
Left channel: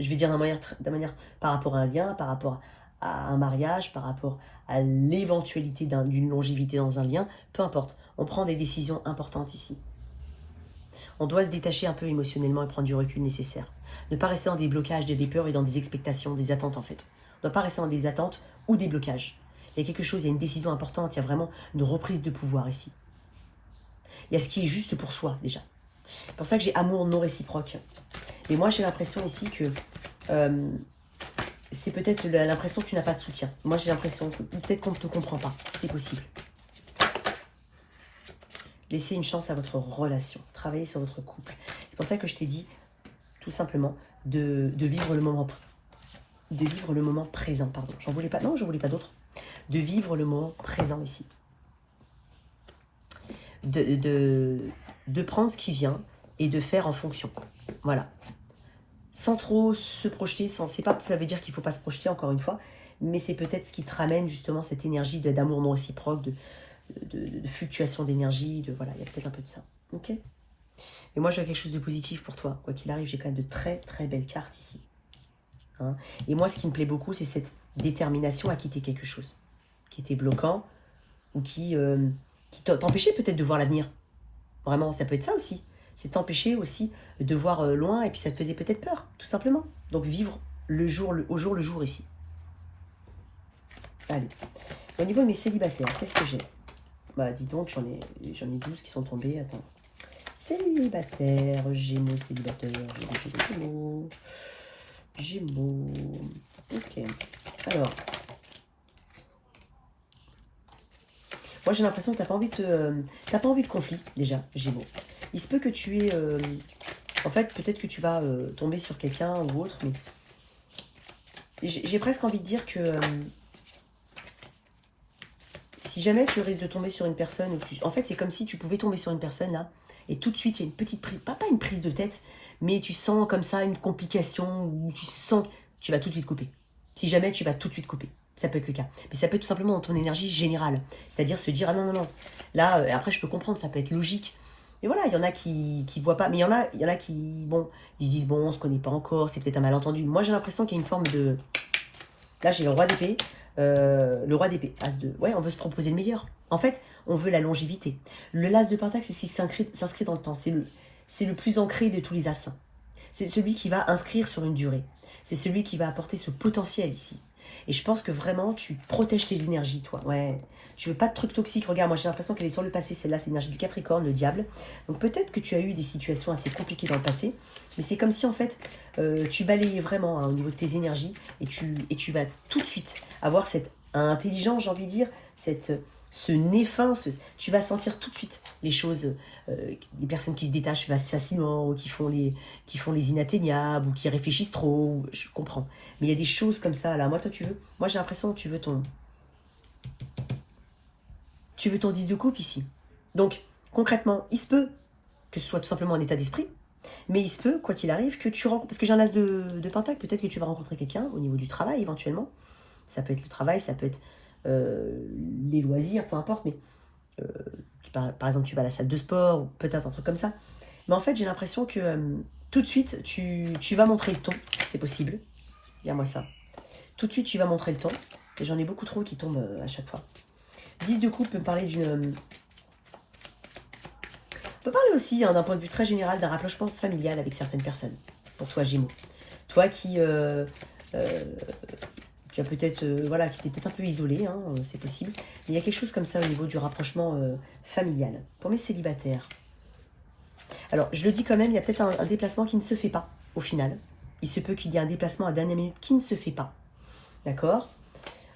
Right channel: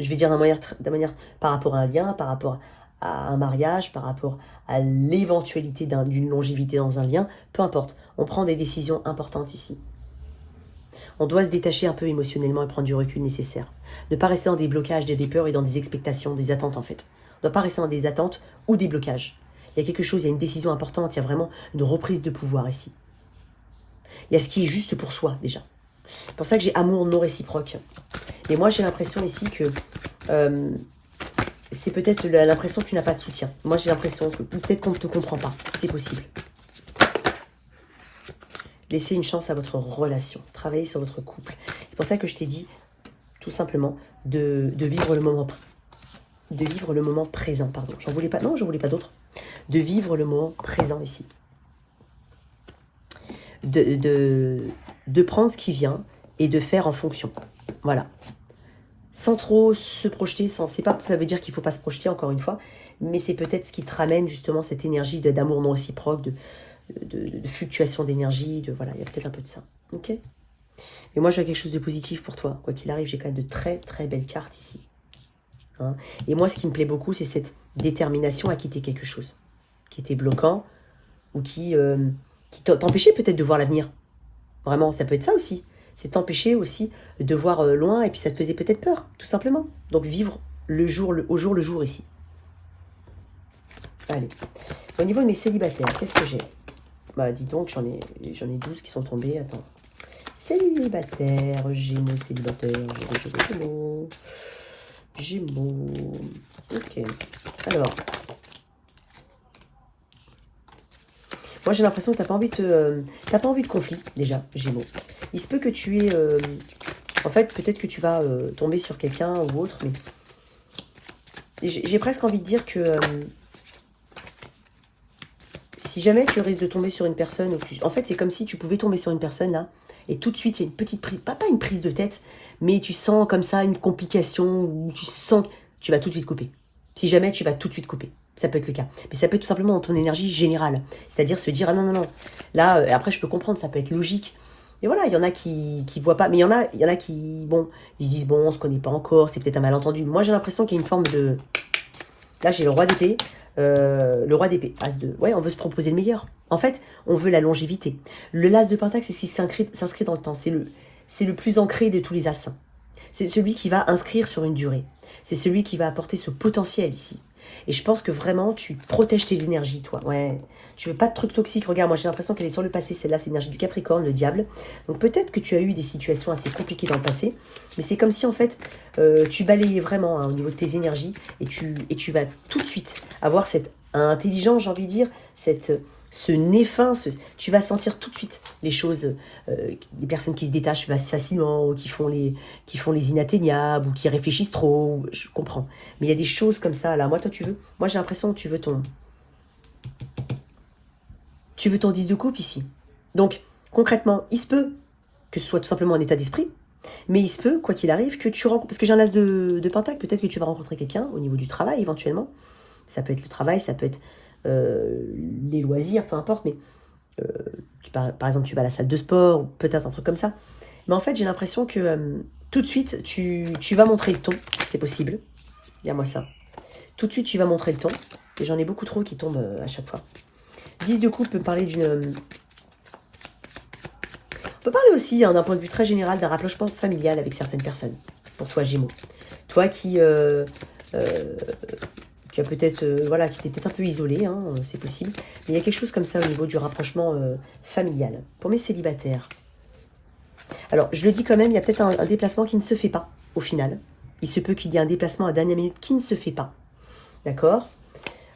Je vais dire de manière par rapport à un lien, par rapport à un mariage, par rapport à l'éventualité d'une longévité dans un lien, peu importe. On prend des décisions importantes ici. On doit se détacher un peu émotionnellement et prendre du recul nécessaire. Ne pas rester dans des blocages, des peurs et dans des expectations, des attentes en fait. On ne doit pas rester dans des attentes ou des blocages. Il y a quelque chose, il y a une décision importante, il y a vraiment une reprise de pouvoir ici. Il y a ce qui est juste pour soi déjà. C'est pour ça que j'ai amour non réciproque. Et moi j'ai l'impression ici que c'est peut-être l'impression que tu n'as pas de soutien. Moi j'ai l'impression que peut-être qu'on ne te comprend pas. C'est possible. Laissez une chance à votre relation. Travaillez sur votre couple. C'est pour ça que je t'ai dit tout simplement de vivre le moment présent. Pardon. J'en voulais pas. Non, j'en voulais pas d'autre. De vivre le moment présent ici. De prendre ce qui vient et de faire en fonction. Voilà. Sans trop se projeter, c'est pas ça veut dire qu'il ne faut pas se projeter encore une fois, mais c'est peut-être ce qui te ramène justement cette énergie d'amour non réciproque, de fluctuation d'énergie, voilà, il y a peut-être un peu de ça. Ok. Mais moi je vois quelque chose de positif pour toi. Quoi qu'il arrive, j'ai quand même de très très belles cartes ici. Hein. Et moi ce qui me plaît beaucoup, c'est cette détermination à quitter quelque chose qui était bloquant ou qui t'empêchait peut-être de voir l'avenir. Vraiment, ça peut être ça aussi. C'est t'empêcher aussi de voir loin et puis ça te faisait peut-être peur, tout simplement. Donc vivre au jour le jour ici. Allez. Au niveau de mes célibataires, qu'est-ce que j'ai? Bah dis donc, j'en ai 12 qui sont tombés. Attends. Célibataire, Gémeaux, célibataire, Gémeaux. Ok. Alors. Moi, j'ai l'impression que t'as pas envie de conflit, déjà, Gémeaux. Il se peut que tu aies... en fait, peut-être que tu vas tomber sur quelqu'un ou autre, mais... J'ai presque envie de dire que... si jamais tu risques de tomber sur une personne, en fait c'est comme si tu pouvais tomber sur une personne là, et tout de suite il y a une petite prise, pas une prise de tête, mais tu sens comme ça une complication, où tu sens que tu vas tout de suite couper. Si jamais tu vas tout de suite couper, ça peut être le cas. Mais ça peut être tout simplement dans ton énergie générale, c'est-à-dire se dire, ah non, non, non, là, après je peux comprendre, ça peut être logique. Et voilà, il y en a qui voient pas, mais il y en a qui, bon, ils se disent, bon, on se connaît pas encore, c'est peut-être un malentendu. Moi j'ai l'impression qu'il y a une forme de... Là j'ai le roi d'épée. Le roi d'épée, as de... Ouais, on veut se proposer le meilleur. En fait, on veut la longévité. Le l'as de pentacle, c'est ce qui s'inscrit dans le temps. C'est le plus ancré de tous les as. C'est celui qui va inscrire sur une durée. C'est celui qui va apporter ce potentiel ici. Et je pense que vraiment, tu protèges tes énergies, toi. Ouais. Tu veux pas de trucs toxiques. Regarde, moi, j'ai l'impression qu'elle est sur le passé. Celle-là, c'est l'énergie du Capricorne, le diable. Donc, peut-être que tu as eu des situations assez compliquées dans le passé. Mais c'est comme si, en fait, tu balayais vraiment au niveau de tes énergies. Et tu vas tout de suite avoir cette intelligence, j'ai envie de dire, ce nez fin, tu vas sentir tout de suite les choses, les personnes qui se détachent facilement, ou qui font les inatteignables, ou qui réfléchissent trop, je comprends. Mais il y a des choses comme ça, là, moi j'ai l'impression que tu veux ton 10 de coupe ici. Donc, concrètement, il se peut que ce soit tout simplement un état d'esprit, mais il se peut, quoi qu'il arrive, que tu rencontres, parce que j'ai un as de pentacle, peut-être que tu vas rencontrer quelqu'un au niveau du travail, éventuellement. Ça peut être le travail, ça peut être les loisirs, peu importe, mais par exemple, tu vas à la salle de sport, ou peut-être un truc comme ça. Mais en fait, j'ai l'impression que tout de suite, tu vas montrer le ton, c'est possible. Dis-moi ça. Tout de suite, tu vas montrer le ton. Et j'en ai beaucoup trop qui tombent à chaque fois. 10 de coupe peut parler d'une... On peut parler aussi, hein, d'un point de vue très général, d'un rapprochement familial avec certaines personnes. Pour toi, Gémeaux. Toi qui as peut-être, voilà, qui t'es peut-être un peu isolé, hein, c'est possible. Mais il y a quelque chose comme ça au niveau du rapprochement familial. Pour mes célibataires. Alors, je le dis quand même, il y a peut-être un déplacement qui ne se fait pas, au final. Il se peut qu'il y ait un déplacement à dernière minute qui ne se fait pas. D'accord?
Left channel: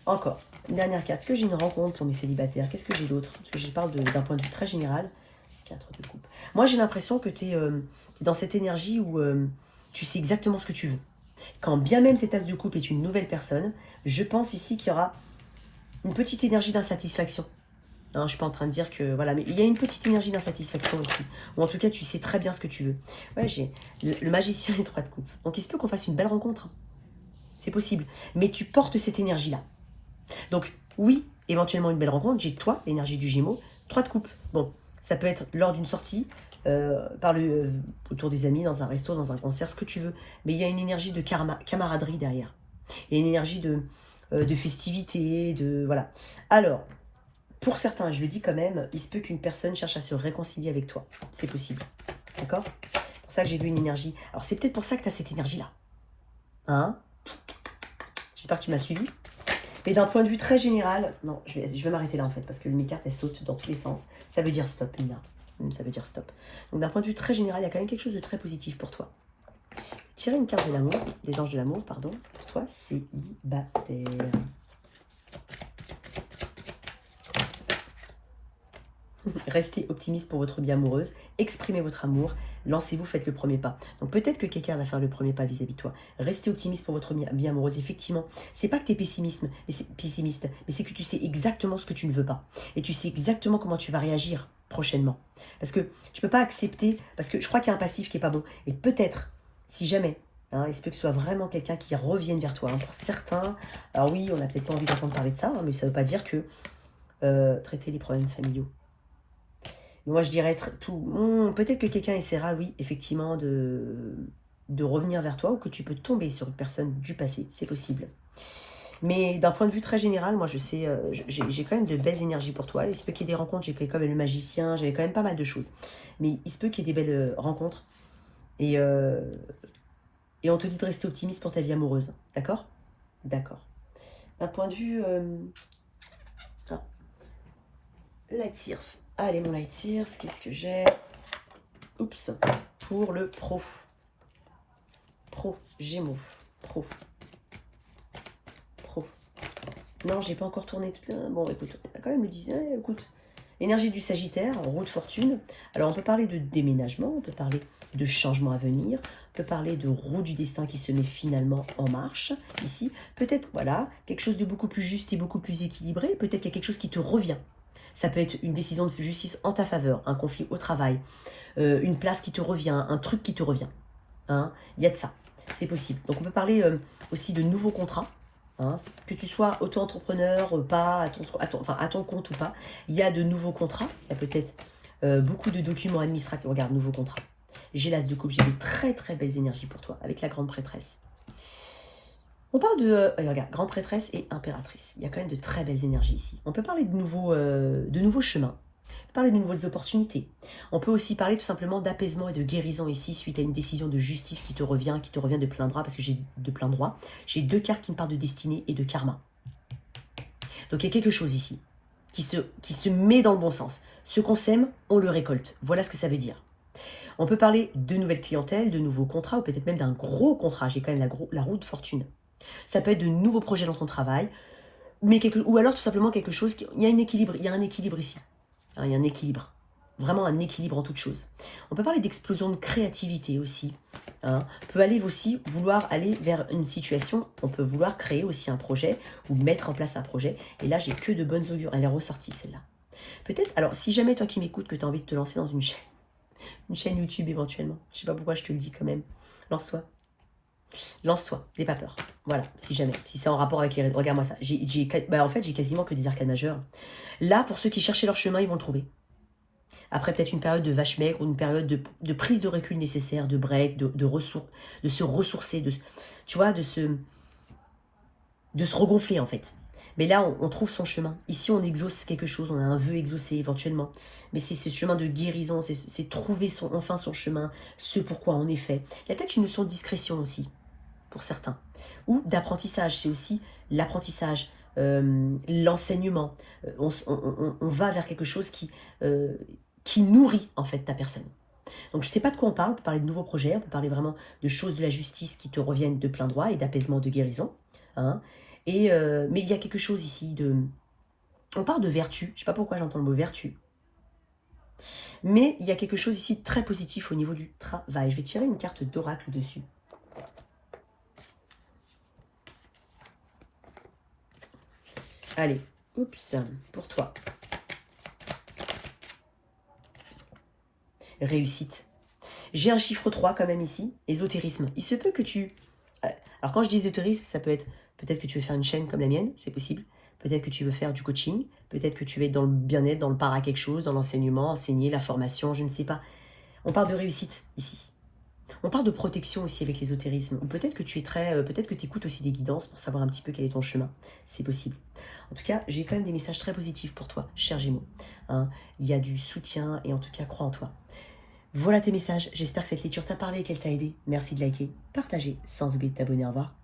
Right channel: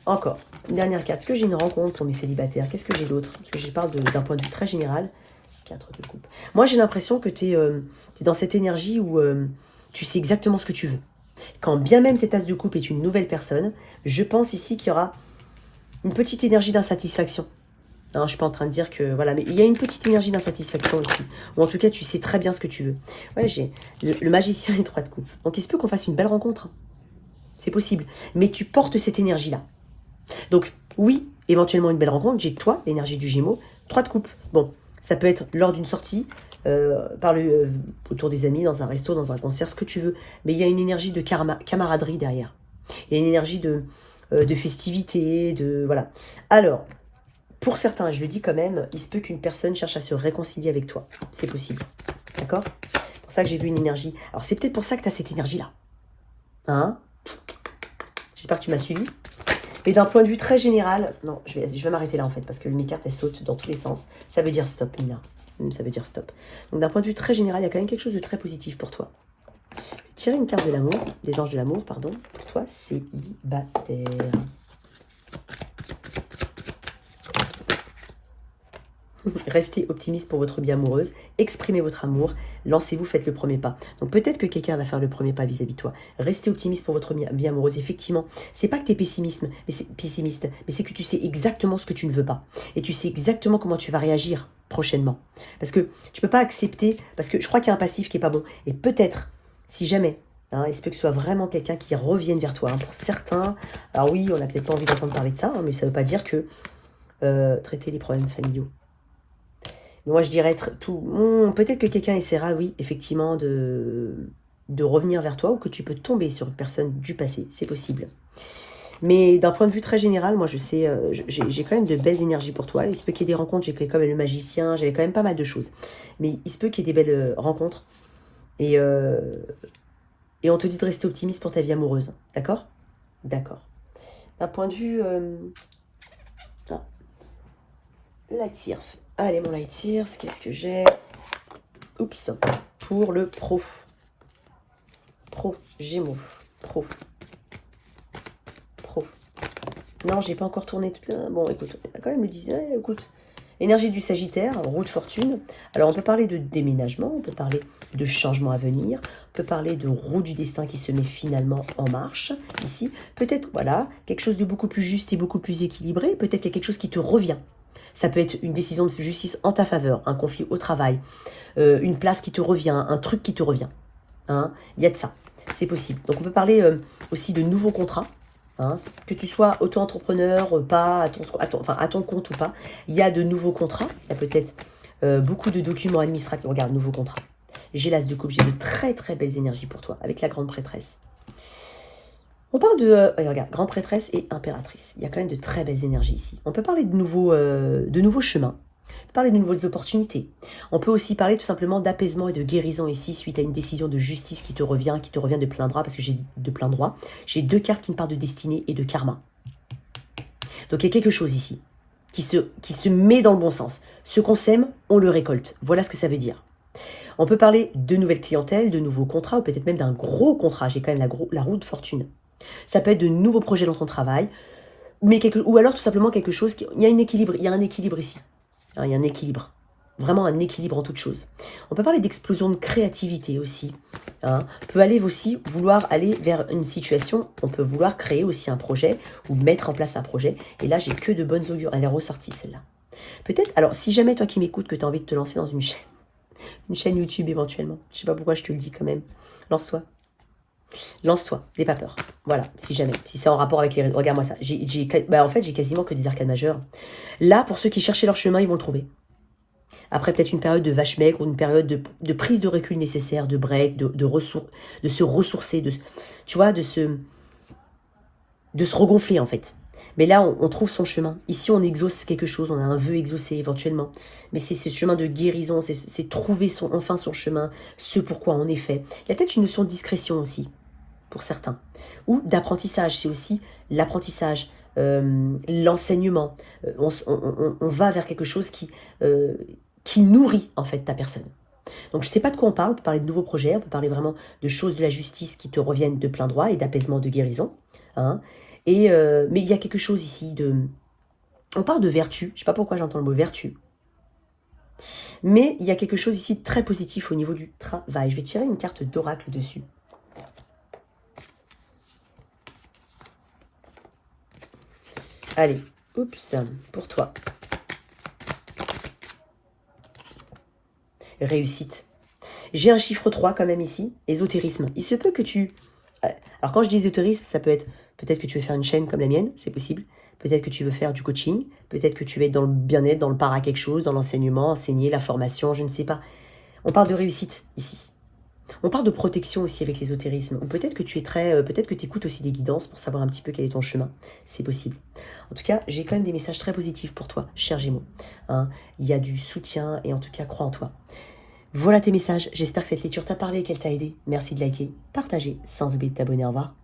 Encore, une dernière carte. Est-ce que j'ai une rencontre pour mes célibataires? Qu'est-ce que j'ai d'autre? Parce que je parle d'un point de vue très général. 4 de coupe. Moi, j'ai l'impression que tu es dans cette énergie où tu sais exactement ce que tu veux. Quand bien même cet as de coupe est une nouvelle personne, je pense ici qu'il y aura une petite énergie d'insatisfaction. Non, je ne suis pas en train de dire que... Voilà, mais il y a une petite énergie d'insatisfaction ici. Ou en tout cas, tu sais très bien ce que tu veux. Ouais, j'ai le magicien et 3 de coupe. Donc, il se peut qu'on fasse une belle rencontre. C'est possible. Mais tu portes cette énergie-là. Donc, oui, éventuellement une belle rencontre. J'ai toi, l'énergie du Gémeaux. 3 de coupe. Bon, ça peut être lors d'une sortie, autour des amis, dans un resto, dans un concert, ce que tu veux. Mais il y a une énergie de camaraderie derrière. Il y a une énergie de festivité, de... Voilà. Alors, pour certains, je le dis quand même, il se peut qu'une personne cherche à se réconcilier avec toi. C'est possible. D'accord? C'est pour ça que j'ai vu une énergie. Alors, c'est peut-être pour ça que tu as cette énergie-là. Hein? J'espère que tu m'as suivi. Mais d'un point de vue très général, non, je vais m'arrêter là en fait, parce que mes cartes, elles sautent dans tous les sens. Ça veut dire stop, Nina. Ça veut dire stop. Donc d'un point de vue très général, il y a quand même quelque chose de très positif pour toi. Tirer une carte de l'amour, des anges de l'amour, pardon, pour toi, célibataire. Restez optimiste pour votre vie amoureuse, exprimez votre amour, lancez-vous, faites le premier pas. Donc peut-être que quelqu'un va faire le premier pas vis-à-vis de toi. Restez optimiste pour votre vie amoureuse, effectivement. C'est pas que tu es pessimiste, mais c'est que tu sais exactement ce que tu ne veux pas. Et tu sais exactement comment tu vas réagir prochainement. Parce que tu peux pas accepter, parce que je crois qu'il y a un passif qui est pas bon. Et peut-être, si jamais, hein, il se peut que ce soit vraiment quelqu'un qui revienne vers toi. Hein, pour certains, alors oui, on n'a peut-être pas envie d'entendre parler de ça, hein, mais ça ne veut pas dire que traiter les problèmes familiaux. Moi, je dirais peut-être que quelqu'un essaiera, oui, effectivement, de revenir vers toi, ou que tu peux tomber sur une personne du passé. C'est possible. Mais d'un point de vue très général, moi, je sais, j'ai quand même de belles énergies pour toi. Il se peut qu'il y ait des rencontres. J'ai quand même le magicien. J'avais quand même pas mal de choses. Mais il se peut qu'il y ait des belles rencontres. Et on te dit de rester optimiste pour ta vie amoureuse. D'accord? D'accord. D'un point de vue... Light Sears. Allez, mon Light Sears, qu'est-ce que j'ai? Oups. Pour le pro. Pro, Gémeaux. Pro. Non, j'ai pas encore tourné toute la... Bon, écoute, quand même me disait, écoute, Énergie du Sagittaire, roue de fortune. Alors, on peut parler de déménagement, on peut parler de changement à venir, on peut parler de roue du destin qui se met finalement en marche, ici. Peut-être, voilà, quelque chose de beaucoup plus juste et beaucoup plus équilibré. Peut-être qu'il y a quelque chose qui te revient. Ça peut être une décision de justice en ta faveur, un conflit au travail, une place qui te revient, un truc qui te revient. Hein. Il y a de ça, c'est possible. Donc, on peut parler aussi de nouveaux contrats. Hein, que tu sois auto-entrepreneur, pas à ton compte ou pas, il y a de nouveaux contrats. Il y a peut-être beaucoup de documents administratifs. Regarde, nouveaux contrats. J'ai l'as de coupe, j'ai de très très belles énergies pour toi, avec la grande prêtresse. On parle de, regarde, grande prêtresse et impératrice. Il y a quand même de très belles énergies ici. On peut parler de nouveaux chemins. On peut parler de nouvelles opportunités. On peut aussi parler tout simplement d'apaisement et de guérison ici suite à une décision de justice qui te revient de plein droit, parce que j'ai de plein droit. J'ai deux cartes qui me parlent de destinée et de karma. Donc il y a quelque chose ici qui se met dans le bon sens. Ce qu'on sème, on le récolte. Voilà ce que ça veut dire. On peut parler de nouvelles clientèles, de nouveaux contrats, ou peut-être même d'un gros contrat. J'ai quand même la roue de fortune. Ça peut être de nouveaux projets dans ton travail, ou alors tout simplement quelque chose il y a un équilibre ici. Il y a un équilibre. Vraiment un équilibre en toute chose. On peut parler d'explosion de créativité aussi. On peut aussi vouloir aller vers une situation, on peut vouloir créer aussi un projet ou mettre en place un projet. Et là, j'ai que de bonnes augures. Elle est ressortie celle-là. Peut-être, alors si jamais toi qui m'écoutes, que tu as envie de te lancer dans une chaîne YouTube éventuellement, je sais pas pourquoi je te le dis quand même, lance-toi. Lance-toi, n'aie pas peur. Voilà, si jamais. Si c'est en rapport avec les... Regarde-moi ça. En fait, j'ai quasiment que des arcades majeures. Là, pour ceux qui cherchaient leur chemin, ils vont le trouver. Après, peut-être une période de vache maigre ou une période de prise de recul nécessaire, de break, de se ressourcer, tu vois, de se regonfler, en fait. Mais là, on trouve son chemin. Ici, on exauce quelque chose, on a un vœu exaucé éventuellement. Mais c'est ce chemin de guérison, c'est trouver enfin son chemin, ce pourquoi on est fait. Il y a peut-être une notion de discrétion aussi, pour certains. Ou d'apprentissage, c'est aussi l'apprentissage, l'enseignement. On va vers quelque chose qui nourrit en fait ta personne. Donc je ne sais pas de quoi on parle peut parler de nouveaux projets, on peut parler vraiment de choses de la justice qui te reviennent de plein droit et d'apaisement, de guérison. Hein. Mais il y a quelque chose ici de... On parle de vertu, je ne sais pas pourquoi j'entends le mot vertu. Mais il y a quelque chose ici de très positif au niveau du travail. Je vais tirer une carte d'oracle dessus. Allez, oups, pour toi. Réussite. J'ai un chiffre 3 quand même ici, ésotérisme. Il se peut que tu... Alors quand je dis ésotérisme, ça peut être... Peut-être que tu veux faire une chaîne comme la mienne, c'est possible. Peut-être que tu veux faire du coaching. Peut-être que tu veux être dans le bien-être, dans le para quelque chose, dans l'enseignement, enseigner, la formation, je ne sais pas. On parle de réussite ici. On parle de protection aussi avec l'ésotérisme. Ou peut-être que tu es peut-être que tu écoutes aussi des guidances pour savoir un petit peu quel est ton chemin. C'est possible. En tout cas, j'ai quand même des messages très positifs pour toi, cher Gémeaux. Hein, il y a du soutien et en tout cas, crois en toi. Voilà tes messages. J'espère que cette lecture t'a parlé et qu'elle t'a aidé. Merci de liker, partager, sans oublier de t'abonner. Au revoir.